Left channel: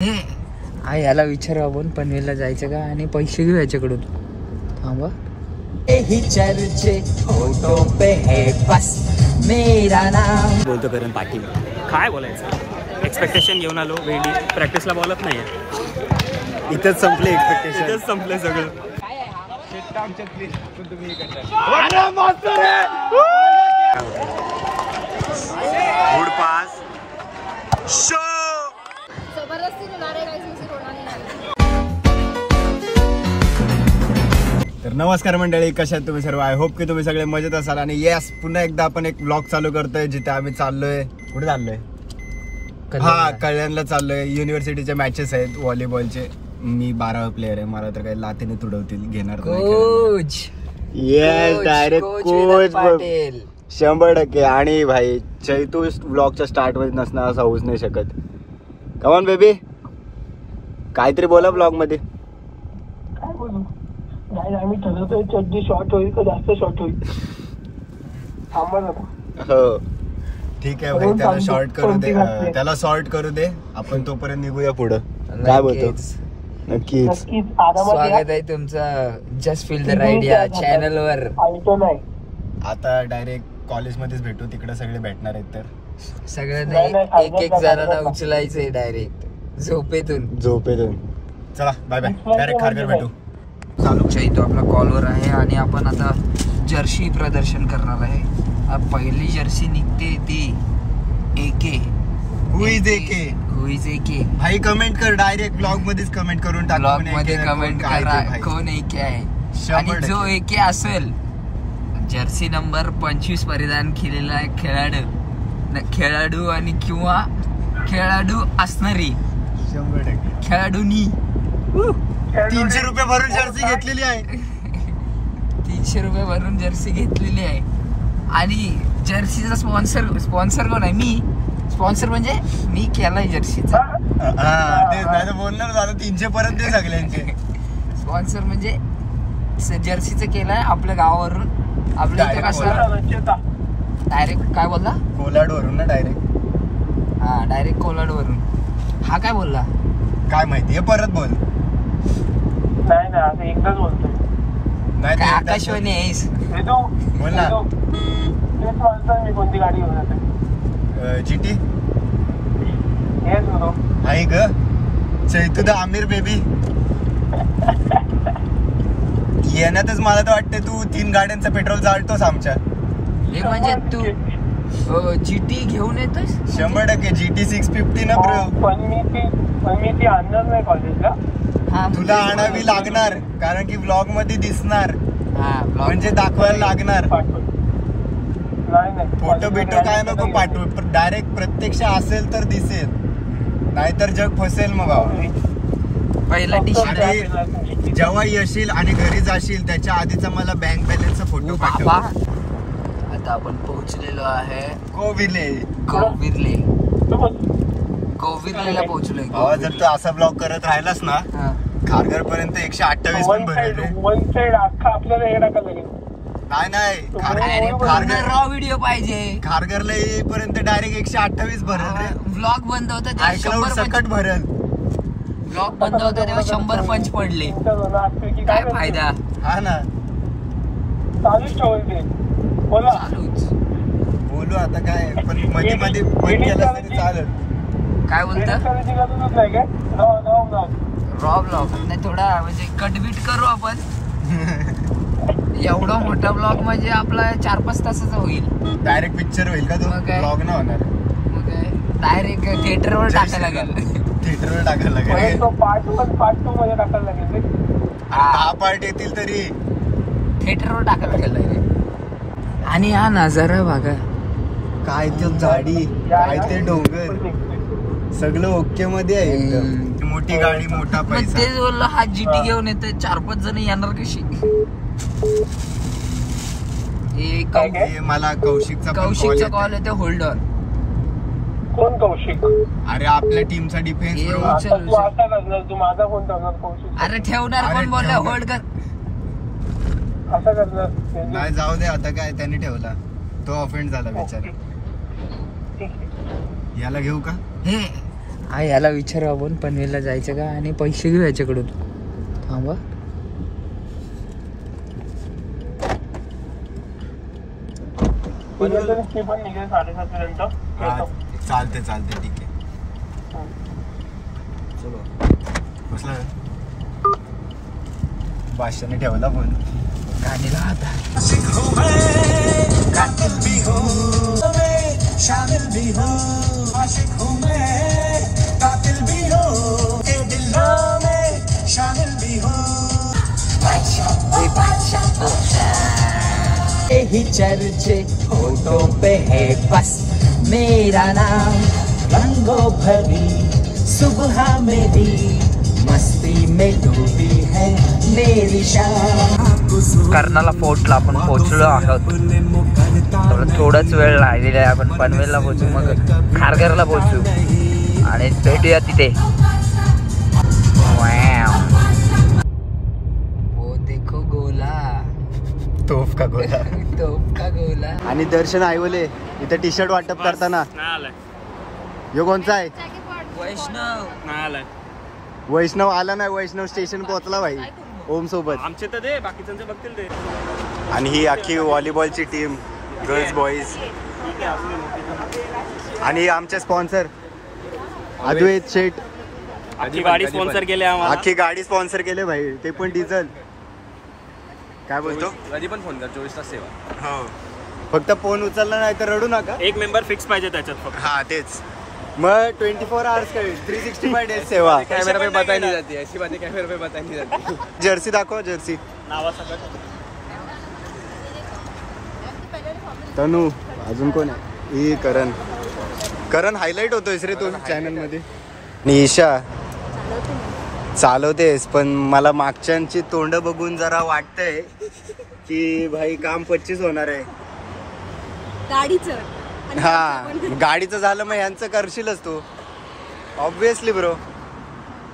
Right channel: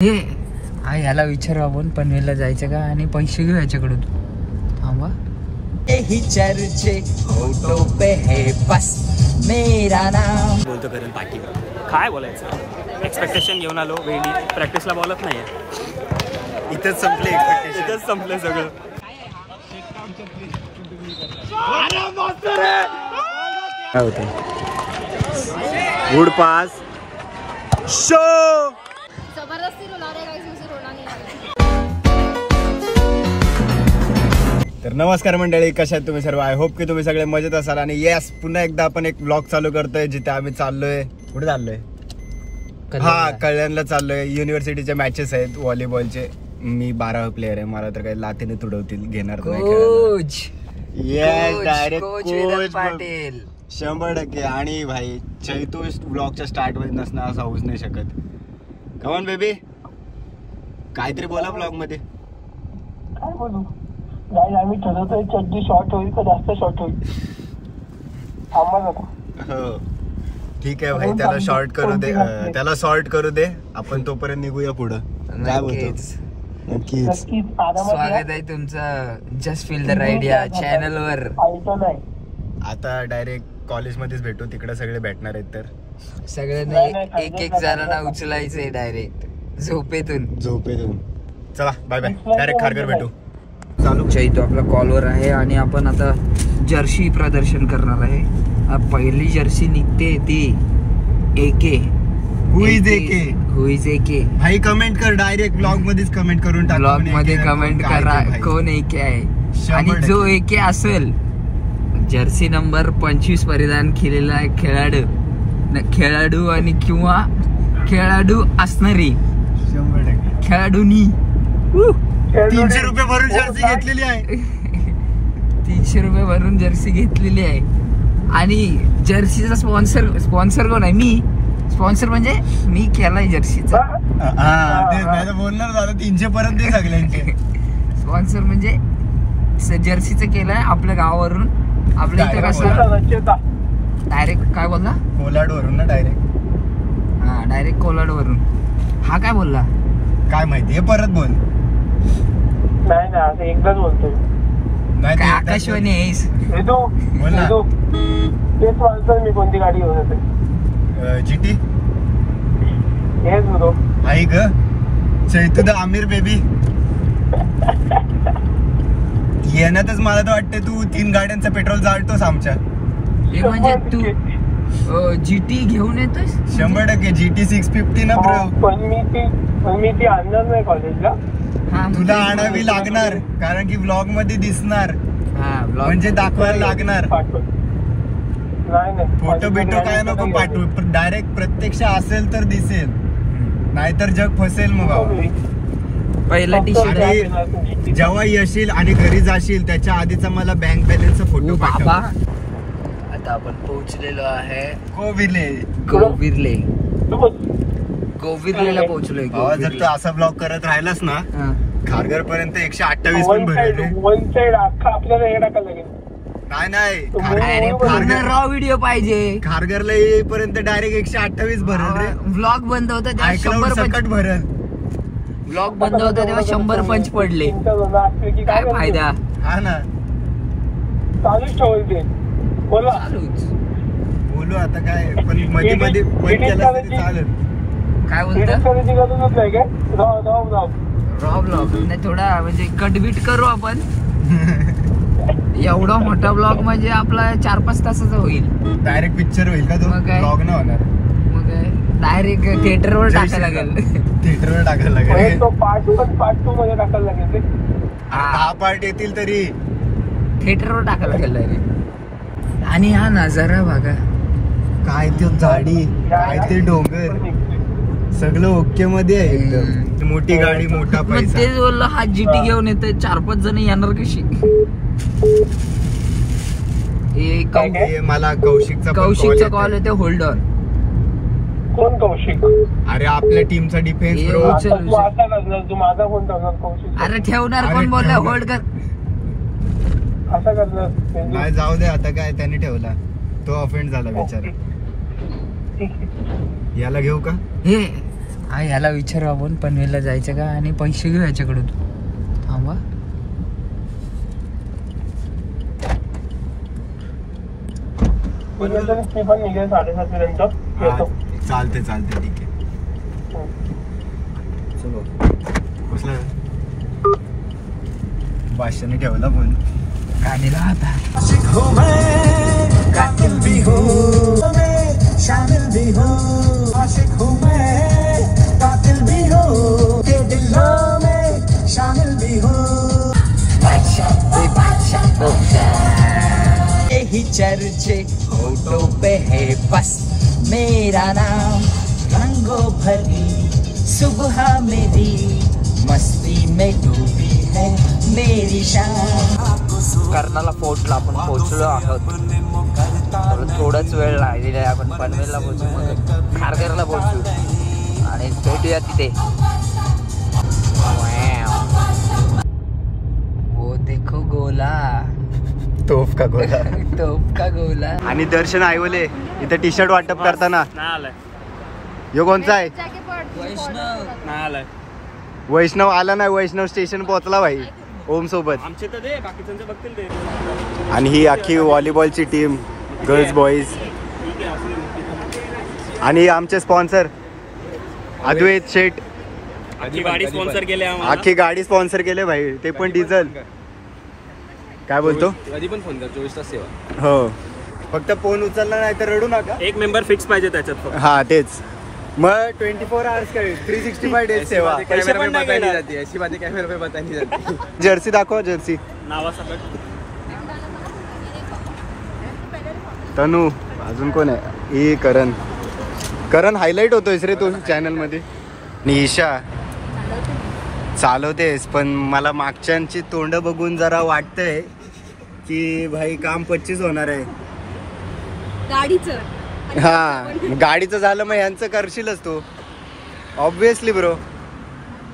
याला विचारू आपण पनवेलला जायचं का आणि पैसे घेऊ याच्याकडून. थांबा. ही चर्चे होठों पे है बस मेरा नाम बोलतो करण पाटील. काय बोलायचं, एक्सपेक्टेशन घेऊन आलो वेळी, प्रॅक्टिसला बोलत नाही. इथंच संपले एक्सपेक्टेशन, इथंच संपले सगळं. काय होतं गुड पास शो. तर नमस्कार मंडळी, कशा आहात तुम्ही सर्व. आय होप की तुम्ही सगळे मजेत असाल. आणि येस, पुन्हा एकदा आपण एक व्लॉग चालू करतोय जिथे आम्ही चाललोय. कुठे चाललोय? हा, कल्याणला चाललोय. युनिव्हर्सिटीचे मॅचेस आहेत व्हॉलीबॉलचे. मी 12 प्लेअर आहे. मला तर काही लातीने तुडवतील, घेणार coach. Yes, direct coach Patil 100%. आणि भाई चैतू व्लॉगच्या स्टार्ट मध्ये नसणार असं होऊच नाही शकत. कमॉन बेबी, काहीतरी बोला ब्लॉग मध्ये. काय बोलू नाही, आम्ही ठरवतोय चड्डी शॉर्ट होईल का जास्त शॉर्ट होईल. हो ठीक आहे भाई, त्याला शॉर्ट करू दे, त्याला शॉर्ट करू दे. आपण तोपर्यंत निघूया पुढं. काय बोलतो? नक्कीच. स्वागत आहे तुमचं जस्ट फील द राईड या चॅनल वर. आता डायरेक्ट कॉलेजमध्येच भेटू, तिकडे सगळे भेटणार आहेत. तर सगळ्यांनी एक जणांना उचलायचंय डायरेक्ट झोपेतून. चला बाय बाय, डायरेक्ट खारघर भेटू. चैतू आपला कॉलवर आहे आणि आपण आता जर्सी प्रदर्शन करणार आहे. पहिली जर्सी निघते ती एके. हु इज एके? भाई कमेंट कर, डायरेक्ट ब्लॉग मध्येच कमेंट करून टाक. ब्लॉग मध्ये कमेंट करा कोण एके आहे. आणि जो एके असेल, जर्सी नंबर 25 परिधान केलेला आहे खेळाडू आणि किंवा खेळाडू असणारी खेळाडूनी 300 रुपये भरून जर्सी घेतलेली आहे. 300 रुपये भरून जर्सी घेतलेली आहे. आणि जर्सीचा स्पॉन्सर कोण आहे? मी. स्पॉन्सर म्हणजे मी केलाय जर्सीचा. बोलणार झालं 300 पर्यंत सगळ्यांचे. स्पॉन्सर म्हणजे जर्सीचं केलंय आपल्या गावावरून. आपल्या इथे कसं डायरेक्ट काय बोलला? कोलाडवरून ना डायरेक्ट. हा, डायरेक्ट कोलाडवरून. हा काय बोलला काय माहिती, परत बोल. नाही नाही, असं एकदाच बोलतोय. काय आकाशवाणी आहेस? तेच बोलतोय मी. कोणती गाडी घेऊन येते? जीटी. हेच होतो. आहे ग चैतू द आमिर बेबी. येण्यातच मला तर वाटते तू 3 गाड्यांचं पेट्रोल जाळतोस आमच्या. म्हणजे तू जीटी घेऊन येतोस? 100% GT 650 ना ब्रो. पण मी ती आणणार नाही कॉलेजला. तुला आणावी लागणार, कारण की ब्लॉग मध्ये दिसणार. म्हणजे दाखवायला लागणार. फोटो बिटो काय नको पाठवू, पण डायरेक्ट प्रत्यक्ष असेल तर दिसेल, नाहीतर जग फसेल. मग पहिला टी शर्ट जेव्हा येशील आणि घरी जाशील त्याच्या आधीचा मला बँक बॅलन्सचा फोटो पाठवा. आता आपण पोहोचलेलो आहे गोविर्लेला पोहोचलोय. जर तू असा ब्लॉग करत राहिलास ना खारघर पर्यंत 128 पण भरले. वन साइड अख्खा आपल्याला हे टाकायला लागेल. नाही रॉ व्हिडिओ पाहिजे. खारघरला येईपर्यंत डायरेक्ट 128 भरल रे. ब्लॉग बंद होता तेव्हा 100 भरल. ब्लॉग बंद होता तेव्हा 100 पंच पडले. काय फायदा? हा ना, चालूच ठेवायचे. बोला, बोलू आता काय. पण मध्ये मध्ये चालेल. काय बोलता? रॉ ब्लॉग नाही, थोडा म्हणजे कटबीट करू आपण. एवढा मोठा ब्लॉग म्हणजे आपला 4-5 तासाचा होईल. डायरेक्ट पिक्चर होईल का? मग काय मग डायरेक्ट थिएटरवर टाकायला लागेल. तो पार्ट 2 मध्ये टाकायला लागेल. हा पार्ट येतील तरी थिएटरवर टाकायला लागेल. आणि हा नजारा बघा, काय ते झाडी, काय ते डोंगर, सगळं ओके मध्ये आहे एकदम. मोठी गाडी, मोठा पैसा. तेच बोललो, हा जीटी घेऊन येतोय. 4-5 जण येणार कशी? मला कौशिकचा कॉल येते. Hold on. कोण कौशिक? अरे आपल्या टीमचा डिफेन्स. तू माझा फोन ठेवणार कौशिक? अरे ठेवणार कोण? बोलला होल्ड कर. असं करणार नाही, जाऊ दे आता. काय त्यांनी ठेवला, तो ऑफेंड झाला बिचारा. याला घेऊ का? हा याला विचारू आपण पनवेलला जायचं का आणि पैसे घेऊ याच्याकडून. थांबा चालते चालते ठीक आहे. भाषण ठेवला पण गाणी राहता. यही चर्चे होठों पे है बस मेरा नाम. रंगों भरी सुबह मेरी मस्ती में डूबी है मेरी शाम. कर्नाला फोर्टला आपण पोहोचलो आहोत. थोडाच वेळ राहिलेला आहे. आपण पनवेलला पोहोचू, मग खारघरला पोहोचू आणि भेटूया तिथे. वो देखो गोला, तोफ का गोला. तोफ का गोला. आणि दर्शन आयवले इथे टी शर्ट वाटप करताना यो कोणचा आहे? वैष्णव आला नाही. वैष्णव स्टेशन पोहोचला भाई ओम सोबत. आमचे तर दे, बाकीच्यांचे बघतील ते. आणि ही अख्खी व्हॉलीबॉलची टीम, गर्ल्स बॉईज. आणि आमचे स्पॉन्सर अद्वैत शेठ. आखी गाडी स्पॉन्सर केले आम्हाला. अख्खी गाडी स्पॉन्सर केले भाई, ते पण डिझेल. काय बोलतो? कधी पण फोन कर, 24 तास सेवा. हो, फक्त फोन उचलला नाही तर रडू नका. एक मेंबर फिक्स पाहिजे त्याच्यात फक्त. हा तेच. मग 24 आवर्स काय 365 डेज सेवा. कॅमेरा पे बताई नहीं जाती, ऐसी बातें कॅमेरा पे बताई नहीं जाती. जर्सी दाखव, जर्सी. तनू, अजून कोण आहे? ही करण. करण हायलाइट होतोयस रे तू चॅनल मध्ये. आणि ईशा चालवतेस, पण मला मागच्यांची तोंड बघून जरा वाटतंय की भाई काम 25 होणार आहे गाडीचं. हा, गाडीचं झालं मग यांचं करशीलच तू ऑब्विसली ब्रो.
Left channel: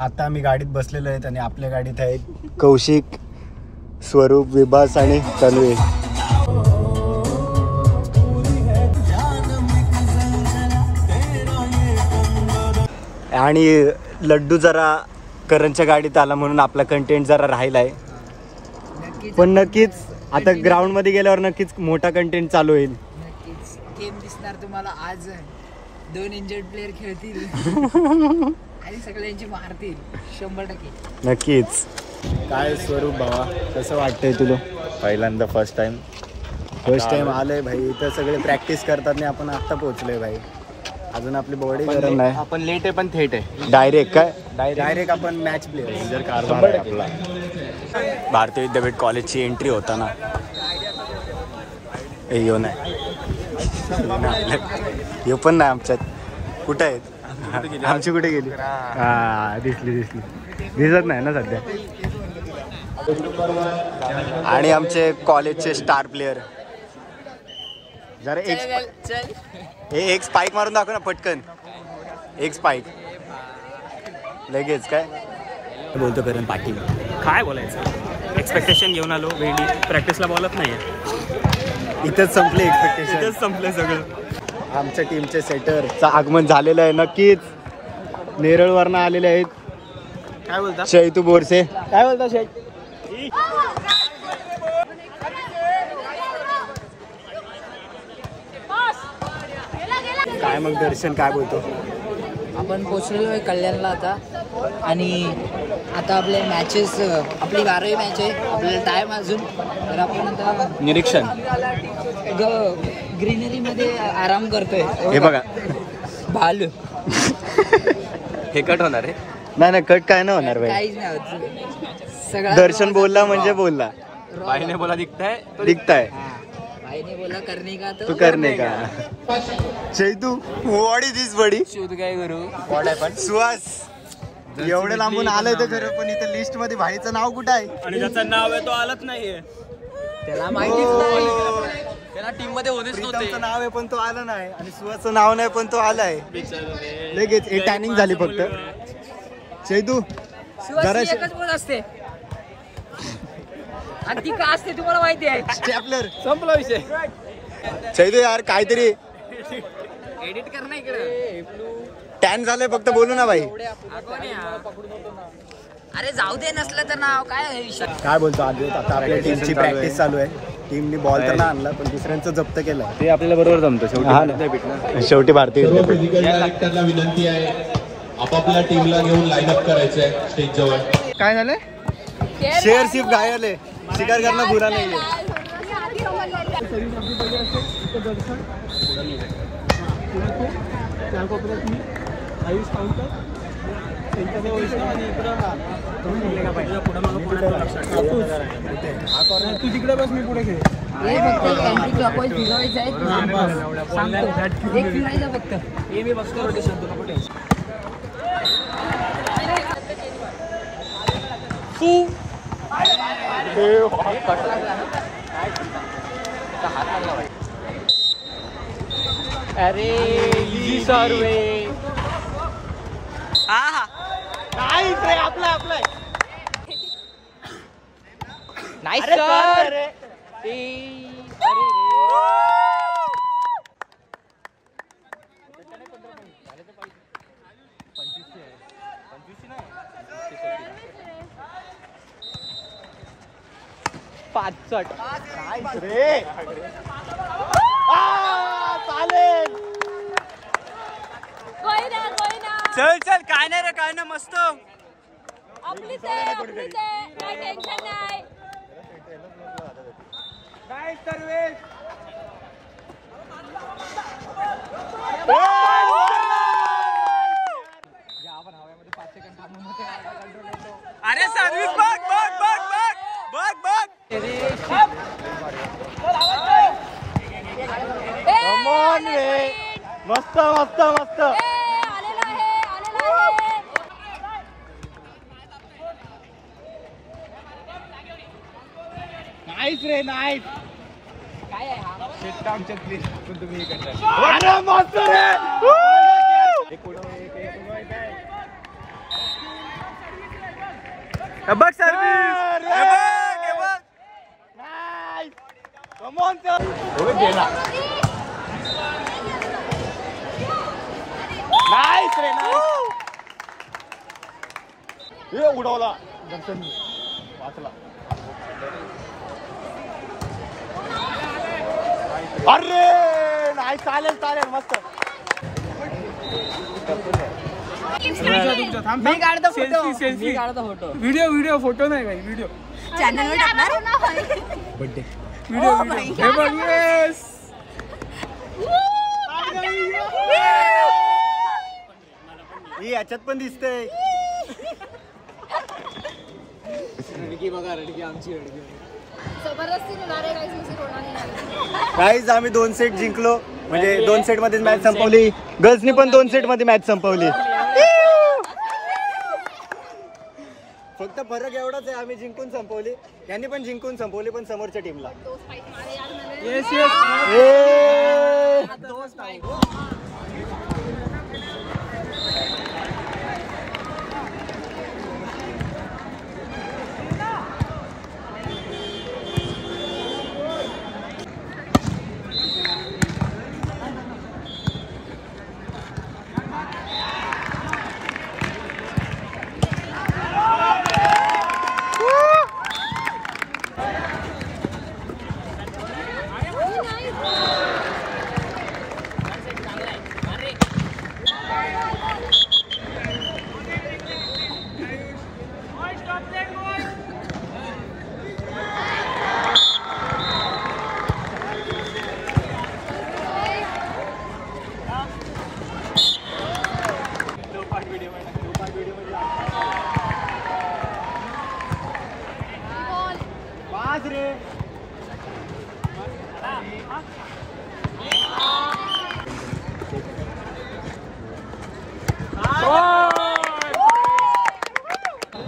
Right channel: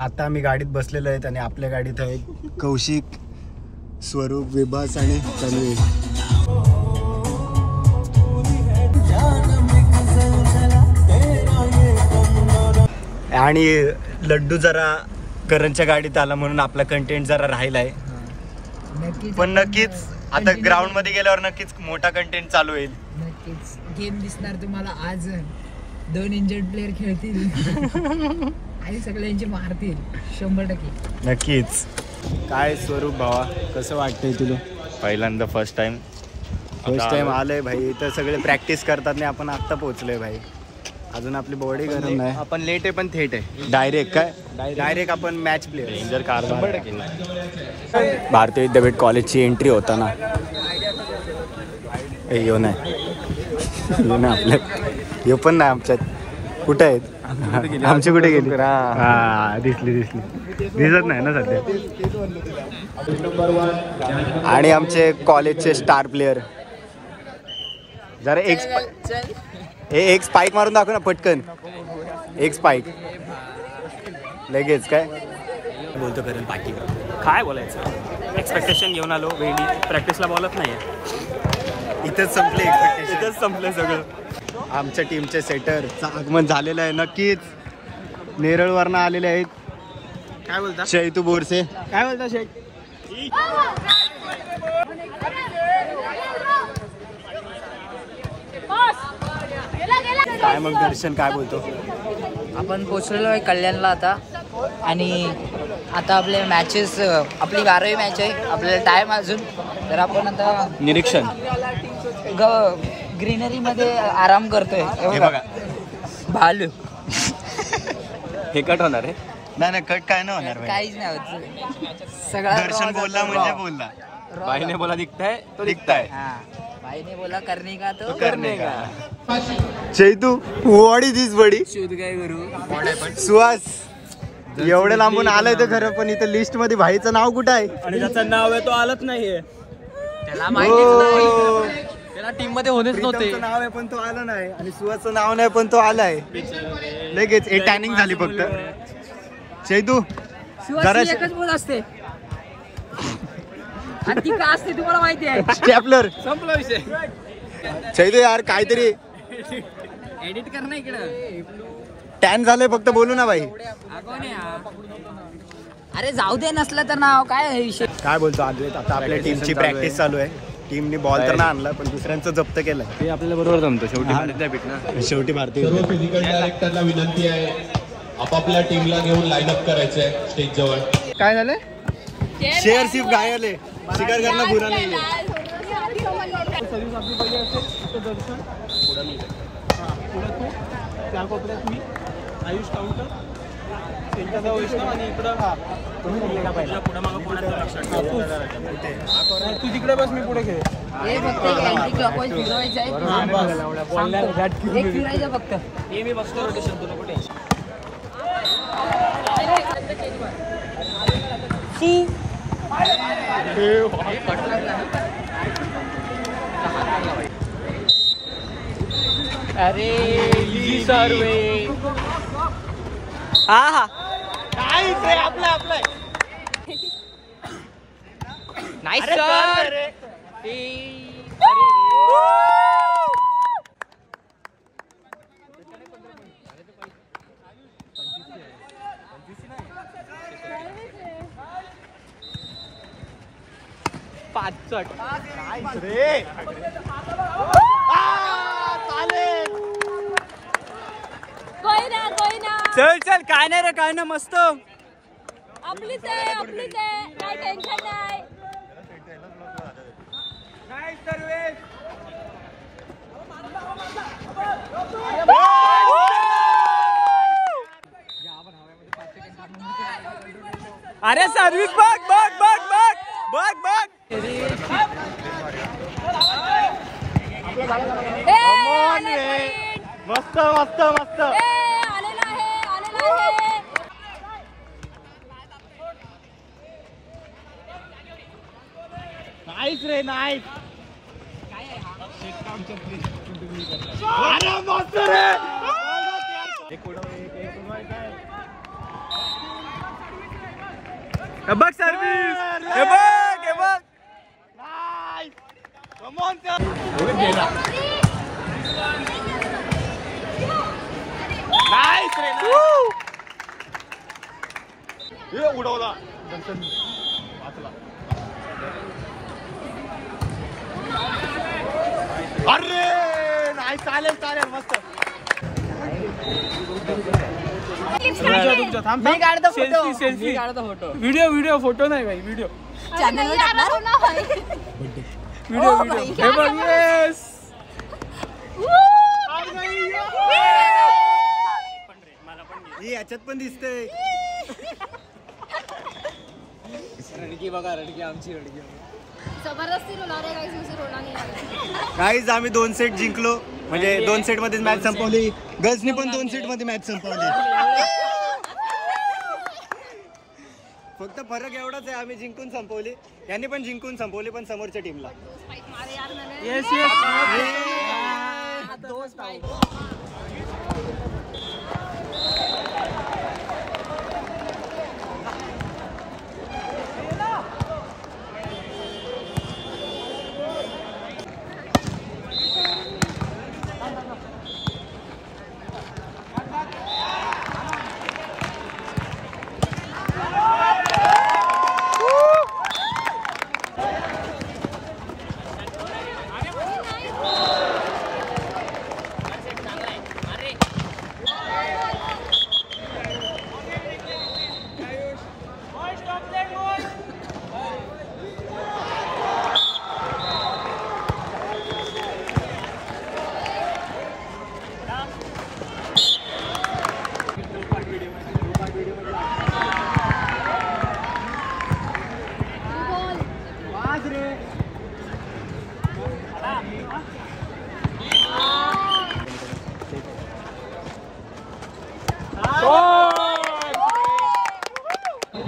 आता आम्ही गाडीत बसलेलो आहेत आणि आपल्या गाडीत आहेत कौशिक, स्वरूप, विभास आणि तन्वी. आणि लड्डू जरा करणच्या गाडीत आला म्हणून आपला कंटेंट जरा राहिलाय. पण नक्कीच आता ग्राउंड मध्ये गेल्यावर नक्कीच मोठा कंटेंट चालू होईल. नक्कीच गेम दिसणार तुम्हाला. आज 2 इंजर्ड प्लेअर खेळतील आणि सगळ्यांचे मारतील 100%. नक्कीच. काय स्वरूप भावा, कसं वाटतंय तुला? पहिल्यांदा फर्स्ट टाइम आलंय भाई. इथं सगळे प्रॅक्टिस करतात नाही, आपण आता पोहोचलोय भाई. अजून आपली बॉडी गरम नाही. आपण लेट आहे पण थेट आहे. डायरेक्ट आपण मॅच प्लेअर. डेंजर कारभार आहे आपला. भारतीय विद्यापीठ कॉलेजची एंट्री होताना यो नाही आपल्या, यो पण नाही आमच्यात. कुठे आहेत आमची? कुठे गेली? हा दिसली दिसत नाही ना सध्या. आणि आमचे कॉलेजचे स्टार प्लेयर जरा एक स्पाइक मारून दाखव ना पटकन. एक स्पाइक लगेच. काय बोलतो करण पाटील? काय बोलायचं, एक्सपेक्टेशन घेऊन आलो. वेळी प्रॅक्टिसला बोलत नाही. इथंच संपले एक्सपेक्टेशन, इथंच संपलं सगळं. आमच्या टीमचे सेटरचं आगमन झालेलं आहे. नक्कीच नेरळवरनं आलेले आहेत. काय बोलता शैतू बोरसे? काय बोलता शेख? काय मग दर्शन, काय बोलतो? आपण पोचलेलो आहे कल्याणला आता. आणि आता आपल्या मॅचेस, आपली 12वी मॅच आहे. आपल्याला टाइम अजून. तर आपण आता निरीक्षण ग्रीनरी मध्ये आराम करतोय. हे बघा भालू. हे कट होणार आहे? नाही कट काय नाही होणार भाई. काहीच नाही होत. सगळं दर्शन बोलला म्हणजे बोलला. बाईने बोला दिखताय. भाईने बोला करणे का तू करणे का. चैतू, व्हॉट इज दिस बडी? शोध काय करू. सुहास एवढं लांबून आलंय तर खरं, पण इथं लिस्ट मध्ये भाईचं नाव कुठं आहे? आणि ज्याचं नाव आहे तो आलंच नाहीये. त्याला माहिती, त्याला टीम मध्ये होणेच नव्हते. प्रीतमचं नाव आहे पण तो आला नाही, आणि सुहासचं नाव नाही पण तो आलाय. लगेच एक टॅनिंग झाली फक्त. चैतू जरा एकच बोल असते आणि ती का असते तुम्हाला माहिती आहे. स्टॅपलर संपला विषय. चैतू यार काहीतरी एडिट कर ना इकडं. टॅन झालंय फक्त बोलू ना भाई. अरे जाऊ दे नसलं तर नाव काय काय बोलतो आज आता आपल्या टीमची प्रॅक्टिस चालू आहे. टीमनी बॉल तर नाही आणला पण दुसऱ्यांचं जप्त केलं. ते आपल्याला बरोबर जमतं शेवटी. शेवटी भारतीय फिजिकल डायरेक्टरला विनंती आहे आपापल्या टीमला घेऊन लाईन अप करायचंय स्टेज जवळ. काय झालं? शेअर शिप घायले शिकार करणं बुरा नाही. त्या कोपऱ्यात मी आयुष काउंटर त्यांच्या वैष्णव आणि इकडं तू तिकडे बस मी पुढे खेळ. फक्त हे मी बसतो रोटेशन तुला कुठे. अरे सर्वे हा नाईस सर. चल चल काय नाही रे काय ना मस्त. आपलीच आहे काय टेन्शन नाही. अरे सर्विस बघ बघ बघ बघ बघ बघ. मस्त मस्त मस्त. नाईस रे नाईस. अरे मस्त रे. हे बघ सर्विस. हे बघ हे बघ. उडवला. अरे नाही चालेल चालेल मस्त. मी काढतो फोटो. मी काढतो फोटो. व्हिडिओ फोटो नाही भाई व्हिडिओ चॅनलवर टाकणार ना भाई. व्हिडिओ हे बघ. येस ही याच्यात पण दिसतंय. जबरदस्ती होणार आहे काही होणार नाही. काहीच आम्ही 2 सेट जिंकलो म्हणजे 2 सेट मध्येच मॅच संपवली. गर्ल्सनी पण 2 सेट मध्ये मॅच संपवली. फक्त फरक एवढाच आहे आम्ही जिंकून संपवली. यांनी पण जिंकून संपवली पण समोरच्या टीमला. Yes yes.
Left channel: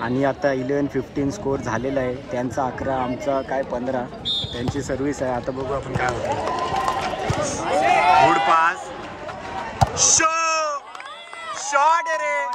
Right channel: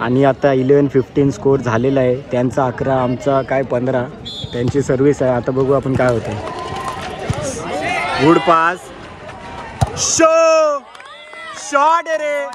आणि आता 11-15 स्कोर झालेला आहे. त्यांचा 11 आमचा काय 15. त्यांची सर्व्हिस आहे. आता बघू आपण काय होतं. गुड पास शॉट रे.